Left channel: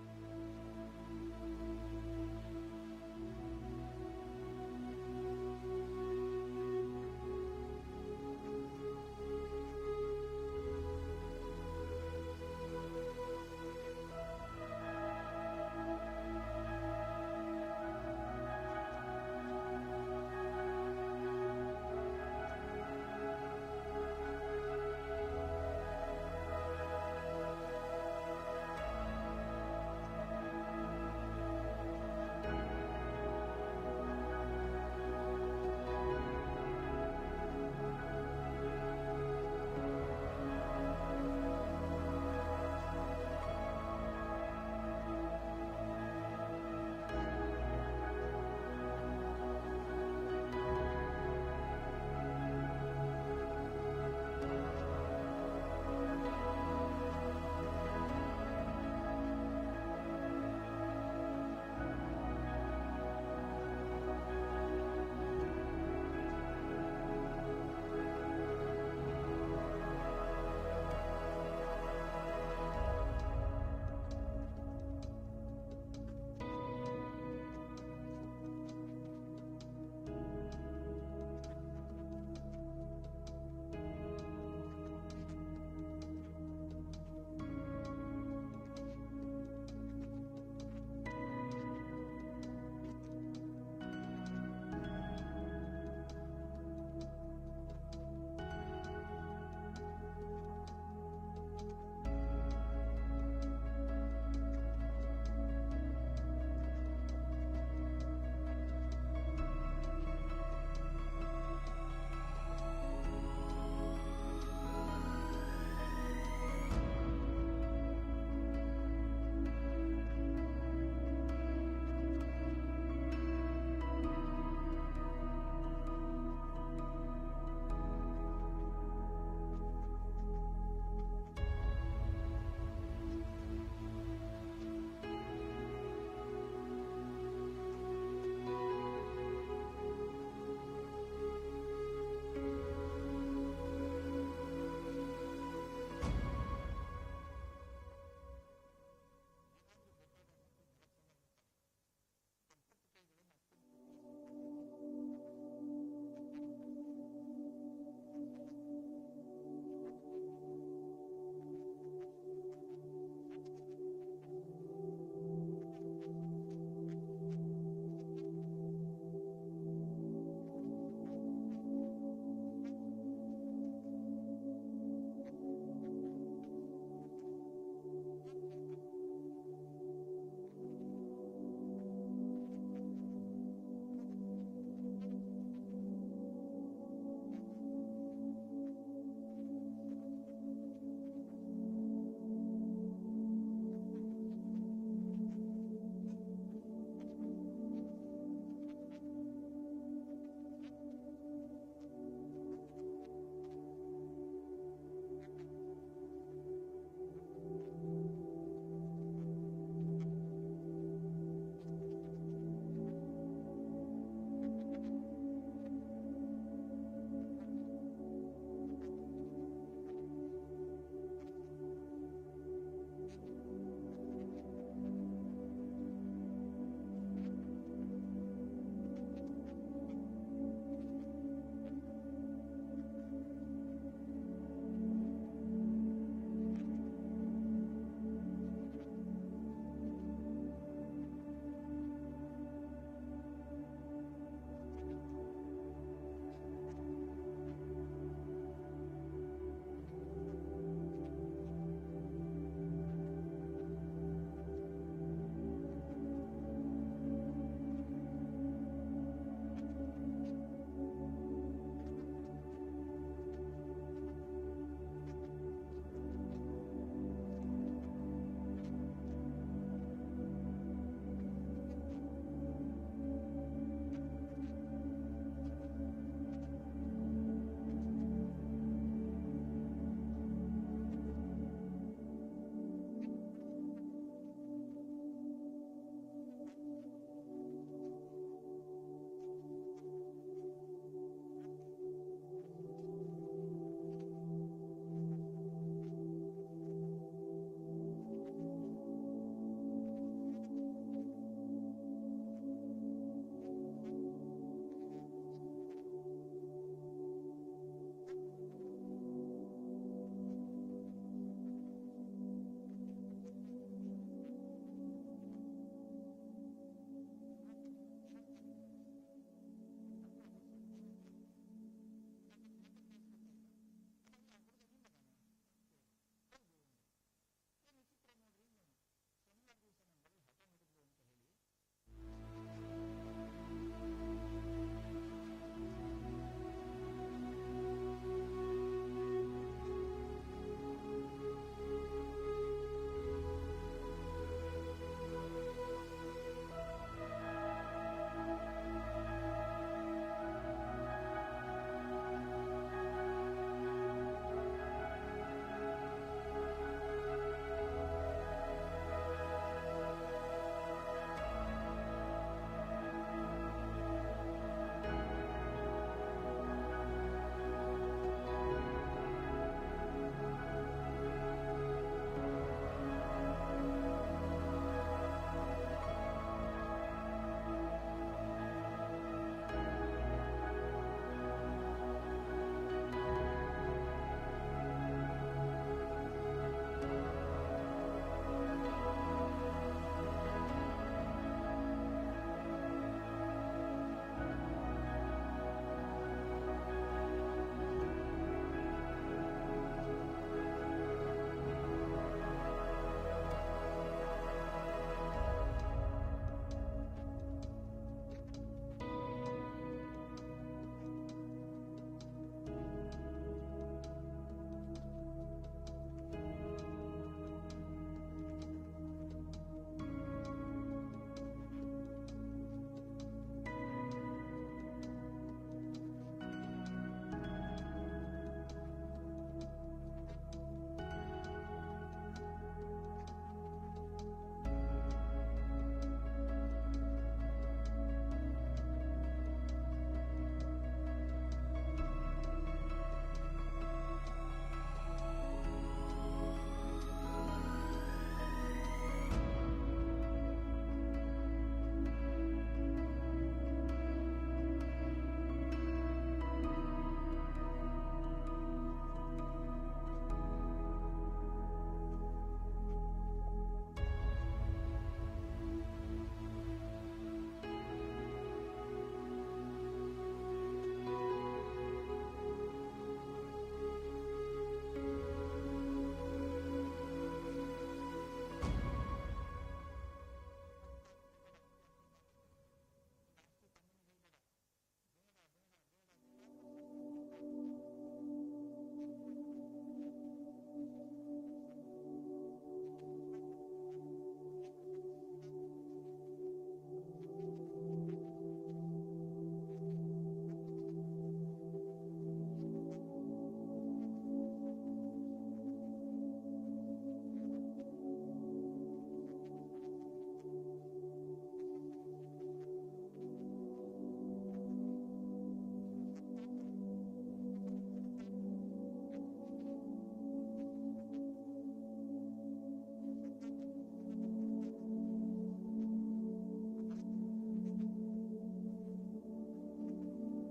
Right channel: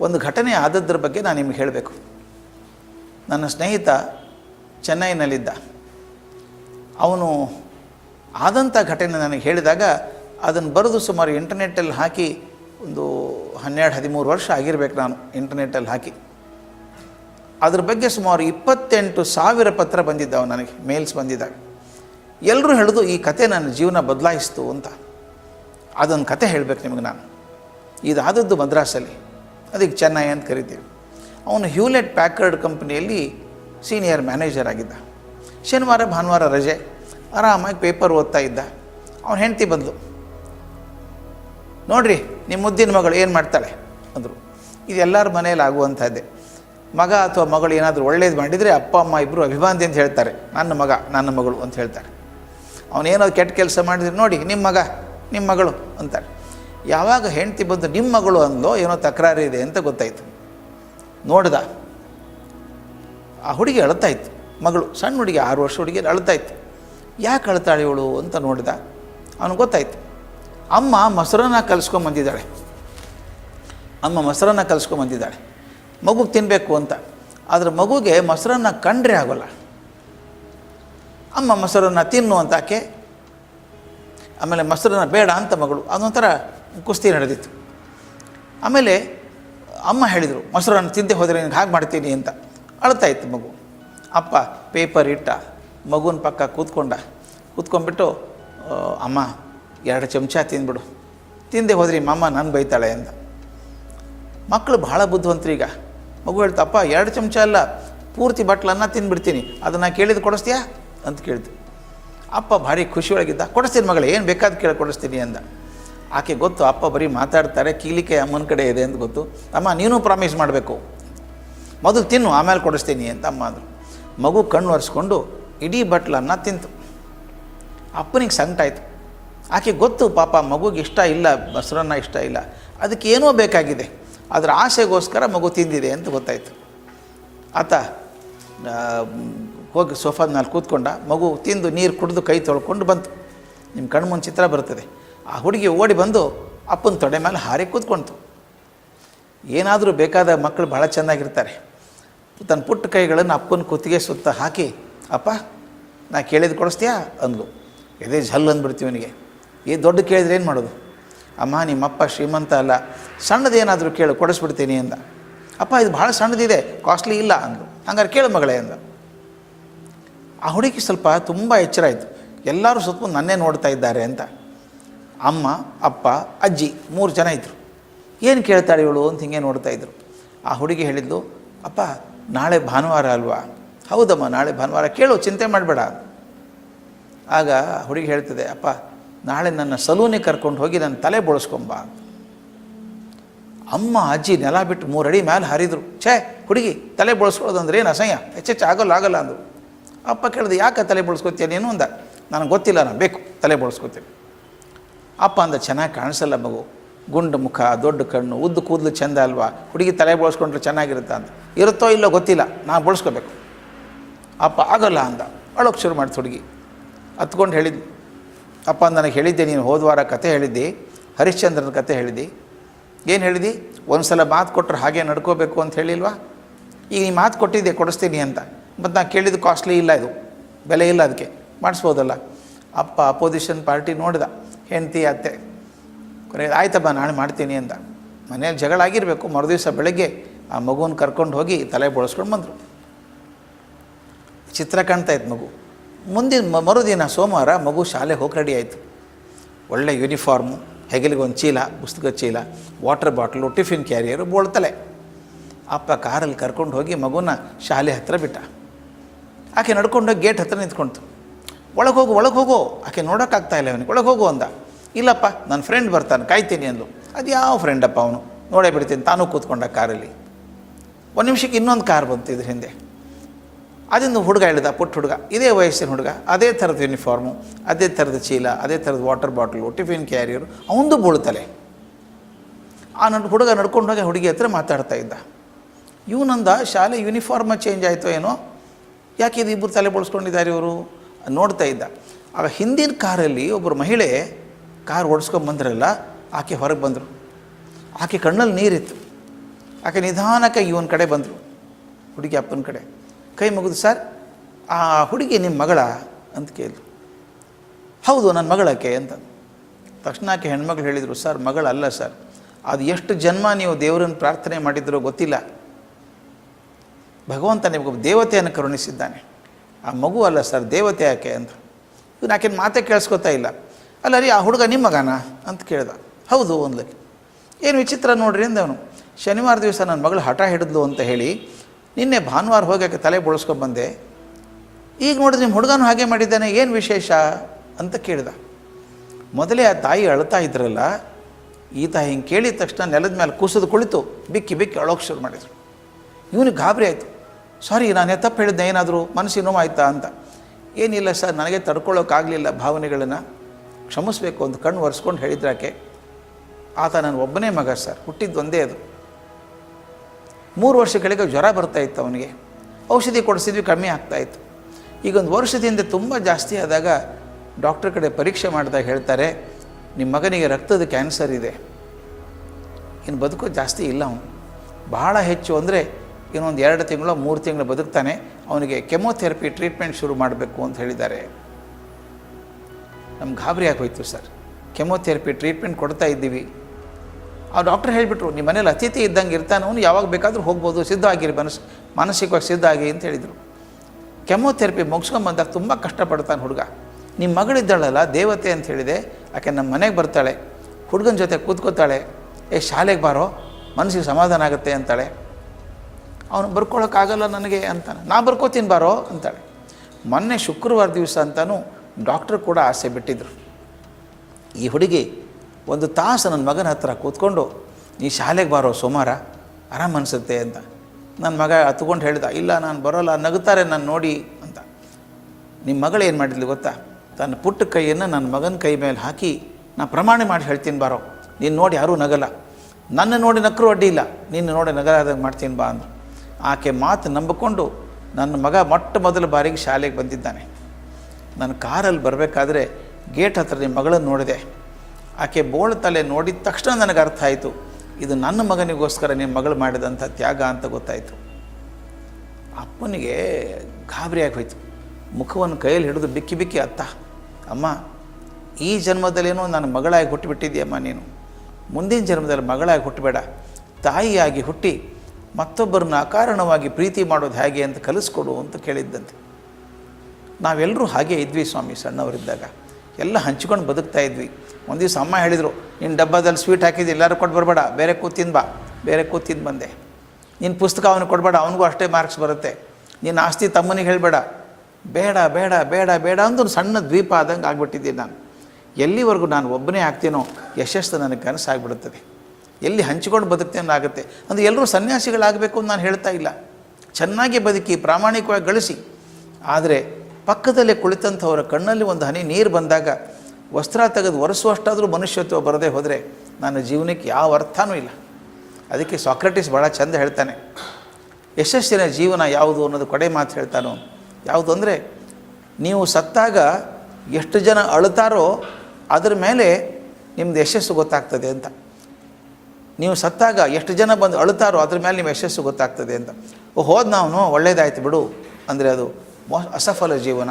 ಒಂದು ಘಟನೆ ಆದದ್ರ ಬಗ್ಗೆ ನಾನು ನಿಮಗೆ ಹೇಳಬೇಕು. ನನ್ನ ಸ್ನೇಹಿತ ಚೆನ್ನೈನಲ್ಲಿದ್ದ. ಅವನು ಆದಂಥ ಘಟನೆ ನನಗೆ ಹೇಳಿದಾಗ ಅದನ್ನು ಬರೆದು ಸುಮಾರು ಇಂಟರ್ನೆಟ್ಟಲ್ಲಿ ಹಾಕಿ ಒಂದು ಹನ್ನೆರಡು, ಹದಿಮೂರು ವರ್ಷ ಆಗಿರ್ಬೇಕು ನಾನು ಇಂಟರ್ನೆಟ್ಟಲ್ಲಿ ಹಾಕಿ. ಅದ್ರ ಬಗ್ಗೆ ಸುಮಾರು ಇಪ್ಪತ್ತೆಂಟು ಸಾವಿರ ಪತ್ರ ಬಂದಿದ್ದಾವೆ ನನಗೆ, ಮೇಲ್ಸ್ ಬಂದಿದ್ದಾಗ. ಎಲ್ಲರೂ ಹೇಳಿದು ಈ ಕತೆ ನನ್ನ ಜೀವನ ಬದಲಾಯಿಸ್ತು ಅಂತ. ಅದೊಂದು ಕತೆ ಹೇಳಬೇಕು ನಿಮಗೆ ನಾನು. ಇದಾದದ್ದು ಮದ್ರಾಸಲ್ಲಿ. ಅದಕ್ಕೆ ಚೆನ್ನೈ ಅಂತ ಕರಿತೀವಿ. ಅವನು ಹ್ಯೂಲೆಟ್ ಪ್ಯಾಕರ್ಡ್ ಕಂಪ್ನಿಯಲ್ಲಿ ಸೀನಿಯರ್ ಮ್ಯಾನೇಜರ್ ಆಗಿದ್ದ. ಶನಿವಾರ, ಭಾನುವಾರ ರಜೆ. ಆರಾಮಾಗಿ ಪೇಪರ್ ಓದ್ತಾ ಇದ್ದ. ಅವನು ಹೆಂಡತಿ ಬಂದಳು ನೋಡ್ರಿ ನಿಮ್ಮ ಮುದ್ದಿನ ಮಗಳು ಏನು ಮಾಡ್ತಾಳೆ? ಅಂದರು. ಇದು ಎಲ್ಲರ ಮನೇಲಿ ಆಗುವಂಥದ್ದೇ ಮಗ ಅಥವಾ ಮಗಳು ಏನಾದರೂ ಒಳ್ಳೇದು ಮಾಡಿದರೆ ಅಪ್ಪ, ಅಮ್ಮ ಇಬ್ಬರು ಅಭಿಮಾನಿ ಅಂತ ಹೇಳ್ತಾರೆ. ನನ್ನ ಮಗ, ನನ್ನ ಮಗಳು ಅಂತ ಹೇಳ್ತಾರೆ. ಅವನೇನೋ ಕೆಟ್ಟ ಕೆಲಸ ಮಾಡಿದ್ರೆ, ನೋಡಿ ನಿಮ್ಮ ಮಗ ನಿಮ್ಮ ಮಗಳು ಅಂತಾರೆ. ಯಾವಾಗ ಹೆಂಡ್ತಿ ಬಂದು ನಿಮ್ಮ ಮಗಳು ಅಂದೋ ಏನೋ ತಕರಾರು ಇದೆ ಅಂತ ಗೊತ್ತಾಯಿತು. ನೋಡ್ದ. ಆ ಹುಡುಗಿ ಅಳ್ತಾ ಇತ್ತು ಮಗಳು, ಸಣ್ಣ ಹುಡುಗಿ, ಆರು ವರ್ಷ ಹುಡುಗಿ ಅಳ್ತಾ ಇತ್ತು ಯಾಕೆ ಅಳ್ತಾಳೆ ಇವಳು ಅಂತ ನೋಡಿದ. ಅವನಿಗೆ ಗೊತ್ತಾಯ್ತು. ಅಮ್ಮ ಮೊಸರನ್ನ ಕಲಿಸ್ಕೊಂಬಂದಿದ್ದಾಳೆ ಅಮ್ಮ ಮೊಸರನ್ನ ಕಲಿಸ್ಕೊಂಬಂದಿದ್ದಾಳೆ ಮಗುಗೆ ತಿನ್ನಬೇಕು ಅಂತ. ಆದರೆ ಮಗುಗೆ ಮೊಸರನ್ನ ಕಂಡ್ರೆ ಆಗೋಲ್ಲ. ಅಮ್ಮ ಮೊಸರನ್ನ ತಿನ್ನು ಅಂತ ಆಕೆ. ಆಮೇಲೆ ಮೊಸರನ್ನ ಬೇಡ ಅಂತ ಮಗಳು. ಅದೊಂಥರ ಕುಸ್ತಿ ನಡೆದಿತ್ತು. ಆಮೇಲೆ ಅಮ್ಮ ಹೇಳಿದರು, ಮೊಸರನ್ನು ತಿಂದೆ ಹೋದರೆ ನಿನಗೆ ಹಾಗೆ ಮಾಡ್ತೀನಿ ಅಂತ. ಅಳ್ತಾ ಇತ್ತು ಮಗು. ಅಪ್ಪ ಪೇಪರ್ ಇಟ್ಟ, ಮಗುನ ಪಕ್ಕ ಕೂತ್ಕೊಂಡ. ಕೂತ್ಕೊಂಡ್ಬಿಟ್ಟು ಅಮ್ಮ, ಎರಡು ಚಮಚ ತಿಂದ್ಬಿಡು. ತಿಂದೆ ಹೋದ್ರಿ ಮಮ್ಮ ನಾನು ಬೈತಾಳೆ ಅಂತ. ಮಕ್ಕಳು ಭಾಳ ಬುದ್ಧಿವಂತರು ಈಗ. ಮಗು ಹೇಳ್ತಪ್ಪ ಎರಡು ಚಮಚ ಅಲ್ಲ, ಪೂರ್ತಿ ಬಟ್ಲನ್ನು ತಿಂದ್ಬಿಡ್ತೀನಿ. ಅದನ್ನು ಕೇಳಿದ್ದು ಕೊಡಿಸ್ತೀಯಾ? ಅಂತ ಕೇಳಿತು. ಅಪ್ಪ ಭಾರಿ ಖುಷಿಯೊಳಗಿದ್ದ, ಕೊಡಿಸ್ತೀನಿ ಮಗಳೇ, ಏನು ಬೇಕಾದ ಕೇಳಿ ಕೊಡಿಸ್ತೀನಿ ಅಂದ. ಆಕೆ ಗೊತ್ತು, ಅಪ್ಪ ಬರೀ ಮಾತಾಡ್ತಾರೆ, ಕೀಲಿಕೆ ಅಮ್ಮನ ಕಡೆ ಇದೆ ಅಂತ ಗೊತ್ತು. ಅಮ್ಮ ನೀನು ಪ್ರಾಮಿಸ್ ಮಾಡಬೇಕು. ಮೊದಲು ತಿನ್ನು, ಆಮೇಲೆ ಕೊಡಿಸ್ತೀನಿ ಅಂತ ಅಮ್ಮ ಅಂದರು. ಮಗು ಕಣ್ಣು ಒರೆಸ್ಕೊಂಡು ಇಡೀ ಬಟ್ಲನ್ನು ತಿಂತು. ಅಪ್ಪನಿಗೆ ಸಂಕಟ ಆಯಿತು. ಆಕೆ ಗೊತ್ತು, ಪಾಪ ಮಗುಗೆ ಇಷ್ಟ ಇಲ್ಲ ಮೊಸರನ್ನ ಇಷ್ಟ ಇಲ್ಲ. ಅದಕ್ಕೆ ಏನೋ ಬೇಕಾಗಿದೆ. ಅದರ ಆಸೆಗೋಸ್ಕರ ಮಗು ತಿಂದಿದೆ ಅಂತ ಗೊತ್ತಾಯಿತು. ಆತ ಹೋಗಿ ಸೋಫಾದ ಮೇಲೆ ಕೂತ್ಕೊಂಡ ಮಗು ತಿಂದು ನೀರು ಕುಡಿದು ಕೈ ತೊಳ್ಕೊಂಡು ಬಂತು. ನಿಮ್ಮ ಕಣ್ಮುಂದು ಚಿತ್ರ ಬರ್ತದೆ. ಆ ಹುಡುಗಿ ಓಡಿ ಬಂದು ಅಪ್ಪನ ತೊಡೆ ಮೇಲೆ ಹಾರಿ ಕೂತ್ಕೊಳ್ತು ಏನಾದರೂ ಬೇಕಾದ ಮಕ್ಕಳು ಭಾಳ ಚೆನ್ನಾಗಿರ್ತಾರೆ. ತನ್ನ ಪುಟ್ಟ ಕೈಗಳನ್ನು ಅಪ್ಪನ ಕುತ್ತಿಗೆ ಸುತ್ತ ಹಾಕಿ, ಅಪ್ಪ, ನಾ ಕೇಳಿದ್ದು ಕೊಡಿಸ್ತೀಯಾ? ಅಂದ್ಲು. ಎದೆ ಝಲ್ ಅಂದ್ಬಿಡ್ತೀವಿ ಅವನಿಗೆ ಈ ದೊಡ್ಡ ಕೇಳಿದ್ರೆ ಏನು ಮಾಡೋದು? ಅಮ್ಮ, ನಿಮ್ಮಪ್ಪ ಶ್ರೀಮಂತ ಅಲ್ಲ. ಸಣ್ಣದೇನಾದರೂ ಕೇಳು, ಕೊಡಿಸ್ಬಿಡ್ತೀನಿ ಅಂದ. ಅಪ್ಪ, ಇದು ಭಾಳ ಸಣ್ಣದಿದೆ, ಕಾಸ್ಟ್ಲಿ ಇಲ್ಲ ಅಂದ್ಲು. ಹಂಗಾರೆ ಕೇಳು ಮಗಳೇ ಅಂದ. ಆ ಹುಡುಗಿ ಸ್ವಲ್ಪ ತುಂಬ ಎಚ್ಚರ ಆಯಿತು. ಎಲ್ಲರೂ ಸುತ್ತ ನನ್ನೇ ನೋಡ್ತಾ ಇದ್ದಾರೆ ಅಂತ. ಅಮ್ಮ, ಅಪ್ಪ, ಅಜ್ಜಿ ಮೂರು ಜನ ಇದ್ದರು ಏನು ಕೇಳ್ತಾಳೆ ಇವಳು ಅಂತ ಹಿಂಗೆ ನೋಡ್ತಾ ಇದ್ರು. ಆ ಹುಡುಗಿ ಹೇಳಿದ್ಲು, ಅಪ್ಪ, ನಾಳೆ ಭಾನುವಾರ ಅಲ್ವಾ? ಹೌದಮ್ಮ, ನಾಳೆ ಭಾನುವಾರ. ಕೇಳು, ಚಿಂತೆ ಮಾಡಬೇಡ. ಆಗ ಹುಡುಗಿ ಹೇಳ್ತದೆ, ಅಪ್ಪ, ನಾಳೆ ನನ್ನ ಸಲೂನಿಗೆ ಕರ್ಕೊಂಡು ಹೋಗಿ ನನ್ನ ತಲೆ ಬೋಳಿಸ್ಕೊಂಬ. ಅಮ್ಮ, ಅಜ್ಜಿ ನೆಲ ಬಿಟ್ಟು ಮೂರಡಿ ಮೇಲೆ ಹಾರಿದ್ರು. ಛೇ, ಹುಡುಗಿ, ತಲೆ ಬೋಳಿಸ್ಕೊಳ್ಳೋದು ಅಂದ್ರೆ ಏನು ಅಸಹ್ಯ? ಹೆಚ್ಚೆಚ್ಚು ಆಗೋಲ್ಲ, ಆಗಲ್ಲ ಅಂದರು ಅಪ್ಪ ಕೇಳಿದೆ, ಯಾಕೆ ತಲೆ ಬೋಳಿಸ್ಕೊತೀಯ ನೀನು? ಅಂದ. ನನಗೆ ಗೊತ್ತಿಲ್ಲ, ನಾನು ಬೇಕು, ತಲೆ ಬೋಳಿಸ್ಕೊತೀನಿ. ಅಪ್ಪ ಅಂದ, ಚೆನ್ನಾಗಿ ಕಾಣಿಸಲ್ಲ ಮಗು. ಗುಂಡು ಮುಖ, ದೊಡ್ಡ ಕಣ್ಣು, ಉದ್ದು ಕೂದಲು ಚೆಂದ ಅಲ್ವಾ? ಹುಡುಗಿ ತಲೆ ಬಳಸ್ಕೊಂಡ್ರೆ ಚೆನ್ನಾಗಿರುತ್ತೆ ಅಂತ. ಇರುತ್ತೋ ಇಲ್ಲೋ ಗೊತ್ತಿಲ್ಲ, ನಾನು ಬಳಸ್ಕೋಬೇಕು. ಅಪ್ಪ, ಆಗಲ್ಲ ಅಂದ. ಅಳೋಕೆ ಶುರು ಮಾಡ್ತು ಹುಡುಗಿ. ಹತ್ಕೊಂಡು ಹೇಳಿದ್ದು ಅಪ್ಪ ನನಗೆ ಹೇಳಿದ್ದೆ, ನೀನು ಹೋದ ವಾರ ಕತೆ ಹೇಳಿದ್ದಿ, ಹರಿಶ್ಚಂದ್ರನ ಕತೆ ಹೇಳಿದ್ದಿ. ಏನು ಹೇಳಿದಿ ಒಂದು ಸಲ ಮಾತು ಕೊಟ್ಟರೆ ಹಾಗೆ ನಡ್ಕೋಬೇಕು ಅಂತ ಹೇಳಿಲ್ವಾ? ಈಗ ನೀ ಮಾತು ಕೊಟ್ಟಿದ್ದೆ, ಕೊಡಿಸ್ತೀನಿ ಅಂತ. ಮತ್ತು ನಾನು ಕೇಳಿದ್ದು ಕಾಸ್ಟ್ಲಿ ಇಲ್ಲ ಇದು. ಬೆಲೆ ಇಲ್ಲ ಅದಕ್ಕೆ ಮಾಡಿಸ್ಬೋದಲ್ಲ? ಅಪ್ಪ ಅಪೋಸಿಷನ್ ಪಾರ್ಟಿ ನೋಡ್ದ. ಹೆಂಡತಿ ಅತ್ತೆ ಕೊನೆಗೆ ಆಯ್ತಪ್ಪ ನಾಳೆ ಮಾಡ್ತೀನಿ ಅಂತ. ಮನೇಲಿ ಜಗಳ ಆಗಿರಬೇಕು, ಮರುದಿವಸ ಬೆಳಗ್ಗೆ ಆ ಮಗುವನ್ನು ಕರ್ಕೊಂಡು ಹೋಗಿ ತಲೆ ಬಳಸ್ಕೊಂಡು ಬಂದರು. ಚಿತ್ರ ಕಾಣ್ತಾ ಇತ್ತು ಮಗು. ಮುಂದಿನ ಮರುದಿನ ಸೋಮವಾರ ಮಗು ಶಾಲೆ ಹೋಗಿ ರೆಡಿ ಆಯಿತು. ಒಳ್ಳೆ ಯೂನಿಫಾರ್ಮು ಹೆಗಲಿಗೆ ಒಂದು ಚೀಲ ಪುಸ್ತಕ ಚೀಲ ವಾಟರ್ ಬಾಟ್ಲು ಟಿಫಿನ್ ಕ್ಯಾರಿಯರು ಬೋಳ್ತಲೆ. ಅಪ್ಪ ಕಾರಲ್ಲಿ ಕರ್ಕೊಂಡು ಹೋಗಿ ಮಗುನ ಶಾಲೆ ಹತ್ತಿರ ಬಿಟ್ಟ. ಆಕೆ ನಡ್ಕೊಂಡು ಹೋಗಿ ಗೇಟ್ ಹತ್ತಿರ ನಿಂತ್ಕೊಳ್ತು ಒಳಗೆ ಹೋಗು ಒಳಗೆ ಹೋಗು ಆಕೆ ನೋಡೋಕ್ಕಾಗ್ತಾ ಇಲ್ಲ ಅವನಿಗೆ ಒಳಗೆ ಹೋಗು ಅಂದ. ಇಲ್ಲಪ್ಪ, ನನ್ನ ಫ್ರೆಂಡ್ ಬರ್ತಾನೆ, ಕಾಯ್ತೀನಿ ಅಂದು ಅದು ಯಾವ ಫ್ರೆಂಡಪ್ಪ ಅವನು? ನೋಡೇ ಬಿಡ್ತೀನಿ, ತಾನು ಕೂತ್ಕೊಂಡ ಕಾರಲ್ಲಿ. ಒಂದು ನಿಮಿಷಕ್ಕೆ ಇನ್ನೊಂದು ಕಾರ್ ಬಂತು ಇದ್ರ ಹಿಂದೆ. ಅದೊಂದು ಹುಡುಗ ಹೇಳಿದ, ಪುಟ್ಟ ಹುಡುಗ. ಇದೇ ವಯಸ್ಸಿನ ಹುಡುಗ. ಅದೇ ಥರದ ಯೂನಿಫಾರ್ಮು ಅದೇ ಥರದ ಚೀಲ, ಅದೇ ಥರದ ವಾಟರ್ ಬಾಟ್ಲು ಟಿಫಿನ್ ಕ್ಯಾರಿಯರು ಅವಂದು ಬೀಳ್ತಲೆ. ಆ ನಡ್, ಹುಡುಗ ನಡ್ಕೊಂಡು ಹೋಗಿ ಹುಡುಗಿ ಹತ್ರ ಮಾತಾಡ್ತಾ ಇದ್ದ. ಇವನಂದ ಶಾಲೆ ಯೂನಿಫಾರ್ಮ ಚೇಂಜ್ ಆಯಿತು ಏನೋ? ಯಾಕೆ ಇದು ಇಬ್ಬರು ತಲೆ ಬಳಸ್ಕೊಂಡಿದ್ದಾರೆ ಇವರು? ನೋಡ್ತಾ ಇದ್ದ. ಆಗ ಹಿಂದಿನ ಕಾರಲ್ಲಿ ಒಬ್ಬರು ಮಹಿಳೆ ಕಾರ್ ಓಡಿಸ್ಕೊಂಬಂದ್ರಲ್ಲ ಆಕೆ ಹೊರಗೆ ಬಂದರು. ಆಕೆ ಕಣ್ಣಲ್ಲಿ ನೀರಿತ್ತು. ಆಕೆ ನಿಧಾನಕ್ಕೆ ಇವನ ಕಡೆ ಬಂದರು, ಹುಡುಗಿ ಅಪ್ಪನ ಕಡೆ. ಕೈ ಮುಗಿದು, ಸರ್, ಆ ಹುಡುಗಿ ನಿಮ್ಮ ಮಗಳ? ಅಂತ ಕೇಳಿದ್ರು. ಹೌದು ನನ್ನ ಮಗಳಕ್ಕೆ ಅಂತ. ತಕ್ಷಣ ಆಕೆ ಹೆಣ್ಮಗಳು ಹೇಳಿದರು, ಸರ್ ಮಗಳಲ್ಲ ಸರ್. ಅದು ಎಷ್ಟು ಜನ್ಮ ನೀವು ದೇವರನ್ನು ಪ್ರಾರ್ಥನೆ ಮಾಡಿದ್ರೋ ಗೊತ್ತಿಲ್ಲ. ಭಗವಂತ ನಿಮಗೆ ದೇವತೆಯನ್ನು ಕರುಣಿಸಿದ್ದಾನೆ. ಆ ಮಗು ಅಲ್ಲ ಸರ್, ದೇವತೆ ಯಾಕೆ ಅಂತ ಇವನು ಯಾಕೆ ಮಾತೇ ಕೇಳಿಸ್ಕೊತಾ ಇಲ್ಲ. ಅಲ್ಲ, ರೀ, ಆ ಹುಡುಗ ನಿಮ್ಮ ಮಗನ ಅಂತ ಕೇಳ್ದ. ಹೌದು ಅಂದ್ಲಕ್ಕೆ ಏನು ವಿಚಿತ್ರ ನೋಡ್ರಿ ಅಂದವನು ಶನಿವಾರ ದಿವಸ ನನ್ನ ಮಗಳು ಹಠ ಹಿಡಿದ್ಲು ಅಂತ ಹೇಳಿ ನಿನ್ನೆ ಭಾನುವಾರ ಹೋಗಿ ಆಕೆ ತಲೆ ಬಂದೆ. ಈಗ ನೋಡಿದ್ರೆ ನಿಮ್ಮ ಹುಡುಗನೂ ಹಾಗೆ ಮಾಡಿದ್ದಾನೆ, ಏನು ವಿಶೇಷ ಅಂತ ಕೇಳಿದ. ಮೊದಲೇ ಆ ತಾಯಿ ಅಳ್ತಾ ಇದ್ರಲ್ಲ, ಈತ ಹಿಂಗೆ ಕೇಳಿದ ತಕ್ಷಣ ನೆಲದ ಮೇಲೆ ಕುಸಿದು ಕುಳಿತು, ಬಿಕ್ಕಿ ಬಿಕ್ಕಿ ಅಳೋಕೆ ಶುರು ಮಾಡಿದ್ರು. ಇವನಿಗೆ ಗಾಬರಿ ಆಯಿತು. ಸಾರಿ, ನಾನು ತಪ್ಪು ಹೇಳಿದ್ದೆ ಏನಾದರೂ ಮನಸ್ಸಿಗೆ ನೋವಾಯ್ತಾ ಅಂತ. ಏನಿಲ್ಲ ಸರ್, ನನಗೆ ತಡ್ಕೊಳ್ಳೋಕ್ಕಾಗಲಿಲ್ಲ ಭಾವನೆಗಳನ್ನು. ಕ್ಷಮಿಸ್ಬೇಕು ಅಂತ ಕಣ್ಣು ಒರೆಸ್ಕೊಂಡು ಹೇಳಿದ್ರಾಕೆ ಆತ ನಾನು ಒಬ್ಬನೇ ಮಗ ಸರ್, ಹುಟ್ಟಿದ್ದು ಒಂದೇ ಅದು. ಮೂರು ವರ್ಷಗಳಿಗೆ ಜ್ವರ ಬರ್ತಾ ಇತ್ತು ಅವನಿಗೆ. ಔಷಧಿ ಕೊಡಿಸಿದ್ವಿ, ಕಮ್ಮಿ ಆಗ್ತಾ ಇತ್ತು. ಈಗ ಒಂದು ವರ್ಷದಿಂದ ತುಂಬ ಜಾಸ್ತಿ ಆದಾಗ ಡಾಕ್ಟರ್ ಕಡೆ ಪರೀಕ್ಷೆ ಮಾಡಿದಾಗ ಹೇಳ್ತಾರೆ ನಿಮ್ಮ ಮಗನಿಗೆ ರಕ್ತದ ಕ್ಯಾನ್ಸರ್ ಇದೆ. ಇನ್ನು ಬದುಕೋ ಜಾಸ್ತಿ ಇಲ್ಲ ಅವನು. ಬಹಳ ಹೆಚ್ಚು ಅಂದರೆ ಇನ್ನೊಂದು ಎರಡು ತಿಂಗಳು, ಮೂರು ತಿಂಗಳು ಬದುಕ್ತಾನೆ, ಅವನಿಗೆ ಕೆಮೊಥೆರಪಿ ಟ್ರೀಟ್ಮೆಂಟ್ ಶುರು ಮಾಡಬೇಕು ಅಂತ ಹೇಳಿದ್ದಾರೆ. ನಮ್ಗೆ ಗಾಬರಿ ಆಗೋಯ್ತು ಸರ್. ಕೆಮೊಥೆರಪಿ ಟ್ರೀಟ್ಮೆಂಟ್ ಕೊಡ್ತಾ ಇದ್ದೀವಿ. ಆ ಡಾಕ್ಟರ್ ಹೇಳಿಬಿಟ್ರು, ನಿಮ್ಮ ಮನೇಲಿ ಅತಿಥಿ ಇದ್ದಂಗೆ ಇರ್ತಾನೆ, ಅವನು ಯಾವಾಗ ಬೇಕಾದರೂ ಹೋಗ್ಬೋದು ಸಿದ್ಧ ಆಗಿರಿ ಮನಸ್, ಮಾನಸಿಕವಾಗಿ ಸಿದ್ಧ ಆಗಿ ಅಂತ ಹೇಳಿದರು. ಕೆಮೊಥೆರಪಿ ಮುಗಿಸ್ಕೊಂಬಂದಾಗ ತುಂಬ ಕಷ್ಟಪಡ್ತಾನೆ ಹುಡುಗ. ನಿಮ್ಮ ಮಗಳಿದ್ದಾಳಲ್ಲ, ದೇವತೆ ಅಂತ ಹೇಳಿದೆ. ಯಾಕೆ ನಮ್ಮ ಮನೆಗೆ ಬರ್ತಾಳೆ. ಹುಡುಗನ ಜೊತೆ ಕೂತ್ಕೋತಾಳೆ. ಏ, ಶಾಲೆಗೆ ಬಾರೋ, ಮನಸ್ಸಿಗೆ ಸಮಾಧಾನ ಆಗುತ್ತೆ ಅಂತಾಳೆ. ಅವನು ಬರ್ಕೊಳ್ಳೋಕ್ಕಾಗಲ್ಲ ನನಗೆ ಅಂತಾನೆ. ನಾ ಬರ್ಕೋತೀನಿ ಬಾರೋ ಅಂತಾಳೆ. ಮೊನ್ನೆ ಶುಕ್ರವಾರ ದಿವಸ ಅಂತಲೂ ಡಾಕ್ಟರ್ ಕೂಡ ಆಸೆ ಬಿಟ್ಟಿದ್ರು. ಈ ಹುಡುಗಿ ಒಂದು ತಾಸು ನನ್ನ ಮಗನ ಹತ್ರ ಕೂತ್ಕೊಂಡು, ನೀ ಶಾಲೆಗೆ ಬಾರೋ ಸೋಮವಾರ? ಆರಾಮ್ ಅನಿಸುತ್ತೆ? ಅಂತ. ನನ್ನ ಮಗ ಹತ್ಕೊಂಡು ಹೇಳ್ದ, ಇಲ್ಲ, ನಾನು ಬರೋಲ್ಲ ನಗುತ್ತಾರೆ ನಾನು ನೋಡಿ ಅಂತ. ನಿಮ್ಮ ಮಗಳು ಏನು ಮಾಡಿದ್ಲು ಗೊತ್ತಾ? ತನ್ನ ಪುಟ್ಟ ಕೈಯನ್ನು ನನ್ನ ಮಗನ ಕೈ ಮೇಲೆ ಹಾಕಿ, ನಾ ಪ್ರಮಾಣ ಮಾಡಿ ಹೇಳ್ತೀನಿ ಬಾರೋ. ನೀನು ನೋಡಿ ಯಾರೂ ನಗಲ್ಲ. ನನ್ನ ನೋಡಿ ನಕ್ಕರು ಅಡ್ಡಿ ಇಲ್ಲ. ನಿನ್ನ ನೋಡಿ ನಗಲಾದಾಗ ಮಾಡ್ತೀನಿ ಬಾ ಅಂದರು. ಆಕೆ ಮಾತು ನಂಬಿಕೊಂಡು ನನ್ನ ಮಗ ಮೊಟ್ಟ ಮೊದಲ ಬಾರಿಗೆ ಶಾಲೆಗೆ ಬಂದಿದ್ದಾನೆ. ನಾನು ಕಾರಲ್ಲಿ ಬರಬೇಕಾದ್ರೆ ಗೇಟ್ ಹತ್ರ ನಿಮ್ಮ ಮಗಳನ್ನು ನೋಡಿದೆ. ಆಕೆ ಬೋಳ ತಲೆ ನೋಡಿದ ತಕ್ಷಣ ನನಗೆ ಅರ್ಥ ಆಯಿತು, ಇದು ನನ್ನ ಮಗನಿಗೋಸ್ಕರ ನಿಮ್ಮ ಮಗಳು ಮಾಡಿದಂಥ ತ್ಯಾಗ ಅಂತ ಗೊತ್ತಾಯಿತು. ಅಪ್ಪನಿಗೆ ಗಾಬರಿಯಾಗಿ ಆಗೋಯ್ತು. ಮುಖವನ್ನು ಕೈಯಲ್ಲಿ ಹಿಡಿದು ಬಿಕ್ಕಿ ಬಿಕ್ಕಿ ಅತ್ತ, ಅಮ್ಮ, ಈ ಜನ್ಮದಲ್ಲೇನೋ ನನ್ನ ಮಗಳಾಗಿ ಹುಟ್ಟಿಬಿಟ್ಟಿದ್ದೀಯಮ್ಮ ನೀನು. ಮುಂದಿನ ಜನ್ಮದಲ್ಲಿ ಮಗಳಾಗಿ ಹುಟ್ಟಬೇಡ. ತಾಯಿಯಾಗಿ ಹುಟ್ಟಿ ಮತ್ತೊಬ್ಬರನ್ನ ಅಕಾರಣವಾಗಿ ಪ್ರೀತಿ ಮಾಡೋದು ಹೇಗೆ ಅಂತ ಕಲಿಸ್ಕೊಡು ಅಂತ ಕೇಳಿದ್ದಂತೆ. ನಾವೆಲ್ಲರೂ ಹಾಗೆ ಇದ್ವಿ ಸ್ವಾಮಿ ಸಣ್ಣವರಿದ್ದಾಗ. ಎಲ್ಲ ಹಂಚ್ಕೊಂಡು ಬದುಕ್ತಾ ಇದ್ವಿ. ಒಂದು ದಿವಸ ಅಮ್ಮ ಹೇಳಿದರು ನಿನ್ನ ಡಬ್ಬದಲ್ಲಿ ಸ್ವೀಟ್ ಹಾಕಿದ್ದು ಎಲ್ಲರೂ ಕೊಟ್ಟು ಬರಬೇಡ, ಬೇರೆ ಕೂತಿನ್ ಬಾ, ಬೇರೆ ಕೂತಿಂದು ಬಂದೆ. ನಿನ್ನ ಪುಸ್ತಕ ಅವನು ಕೊಡಬೇಡ, ಅವನಿಗೂ ಅಷ್ಟೇ ಮಾರ್ಕ್ಸ್ ಬರುತ್ತೆ. ನಿನ್ನ ಆಸ್ತಿ ತಮ್ಮನಿಗೆ ಹೇಳಬೇಡ. ಬೇಡ ಬೇಡ ಬೇಡ ಬೇಡ ಒಂದು ಸಣ್ಣ ದ್ವೀಪ ಆದಂಗೆ ಆಗಿಬಿಟ್ಟಿದ್ದೀನಿ ನಾನು. ಎಲ್ಲಿವರೆಗೂ ನಾನು ಒಬ್ಬನೇ ಆಗ್ತೀನೋ ಯಶಸ್ಸು ನನಗೆ ಕನಸಾಗ್ಬಿಡುತ್ತದೆ. ಎಲ್ಲಿ ಹಂಚಿಕೊಂಡು ಬದುಕ್ತೇನೆ ಆಗುತ್ತೆ ಅಂದರೆ ಎಲ್ಲರೂ ಸನ್ಯಾಸಿಗಳಾಗಬೇಕು ಅಂತ ನಾನು ಹೇಳ್ತಾ ಇಲ್ಲ. ಚೆನ್ನಾಗಿ ಬದುಕಿ, ಪ್ರಾಮಾಣಿಕವಾಗಿ ಗಳಿಸಿ. ಆದರೆ ಪಕ್ಕದಲ್ಲೇ ಕುಳಿತಂಥವರ ಕಣ್ಣಲ್ಲಿ ಒಂದು ಹನಿ ನೀರು ಬಂದಾಗ ವಸ್ತ್ರ ತೆಗೆದು ಒರೆಸುವಷ್ಟಾದರೂ ಮನುಷ್ಯತ್ವ ಬರದೇ ಹೋದರೆ ನನ್ನ ಜೀವನಕ್ಕೆ ಯಾವ ಅರ್ಥನೂ ಇಲ್ಲ. ಅದಕ್ಕೆ ಸಾಕ್ರೆಟಿಸ್ ಭಾಳ ಚೆಂದ ಹೇಳ್ತಾನೆ. ಯಶಸ್ಸಿನ ಜೀವನ ಯಾವುದು ಅನ್ನೋದು ಕಡೆ ಮಾತು ಹೇಳ್ತಾನೋ. ಯಾವುದು ಅಂದರೆ ನೀವು ಸತ್ತಾಗ ಎಷ್ಟು ಜನ ಅಳುತ್ತಾರೋ ಅದರ ಮೇಲೆ ನಿಮ್ಮದು ಯಶಸ್ಸು ಗೊತ್ತಾಗ್ತದೆ ಅಂತ. ನೀವು ಸತ್ತಾಗ ಎಷ್ಟು ಜನ ಬಂದು ಅಳುತ್ತಾರೋ ಅದ್ರ ಮೇಲೆ ನಿಮ್ಮ ಯಶಸ್ಸು ಗೊತ್ತಾಗ್ತದೆ ಅಂತ. ಓ, ಹೋದ ನಾವು ಒಳ್ಳೇದಾಯ್ತು ಬಿಡು. ಅಂದರೆ ಅದು ಅಸಫಲ ಜೀವನ.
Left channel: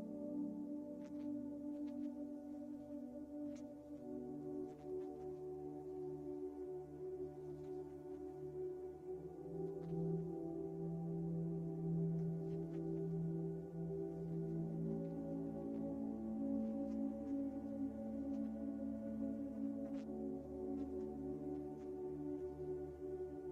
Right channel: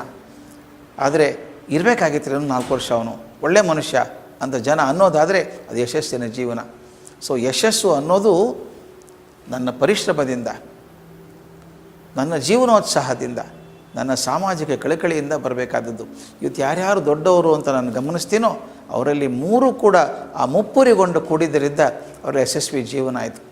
ಆದರೆ ಇರಬೇಕಾಗಿತ್ತು ನಾಲ್ಕು ವರ್ಷ ಅವನು. ಒಳ್ಳೆ ಮನುಷ್ಯ ಅಂತ ಜನ ಅನ್ನೋದಾದರೆ ಅದು ಯಶಸ್ಸಿನ ಜೀವನ. ಸೊ ಯಶಸ್ಸು ಅನ್ನೋದು ನನ್ನ ಪರಿಶ್ರಮದಿಂದ, ನನ್ನ ಜೀವನೋತ್ಸಾಹದಿಂದ, ನನ್ನ ಸಾಮಾಜಿಕ ಕಳಕಳಿಯಿಂದ ಬರಬೇಕಾದದ್ದು. ಇವತ್ತು ಯಾರ್ಯಾರು ದೊಡ್ಡವರು ಅಂತ ನಾನು ಗಮನಿಸ್ತೀನೋ, ಅವರಲ್ಲಿ ಮೂರು ಕೂಡ ಆ ಮುಪ್ಪುರಿಗೊಂಡು ಕೂಡಿದ್ದರಿಂದ ಅವರ ಯಶಸ್ವಿ ಜೀವನ ಆಯಿತು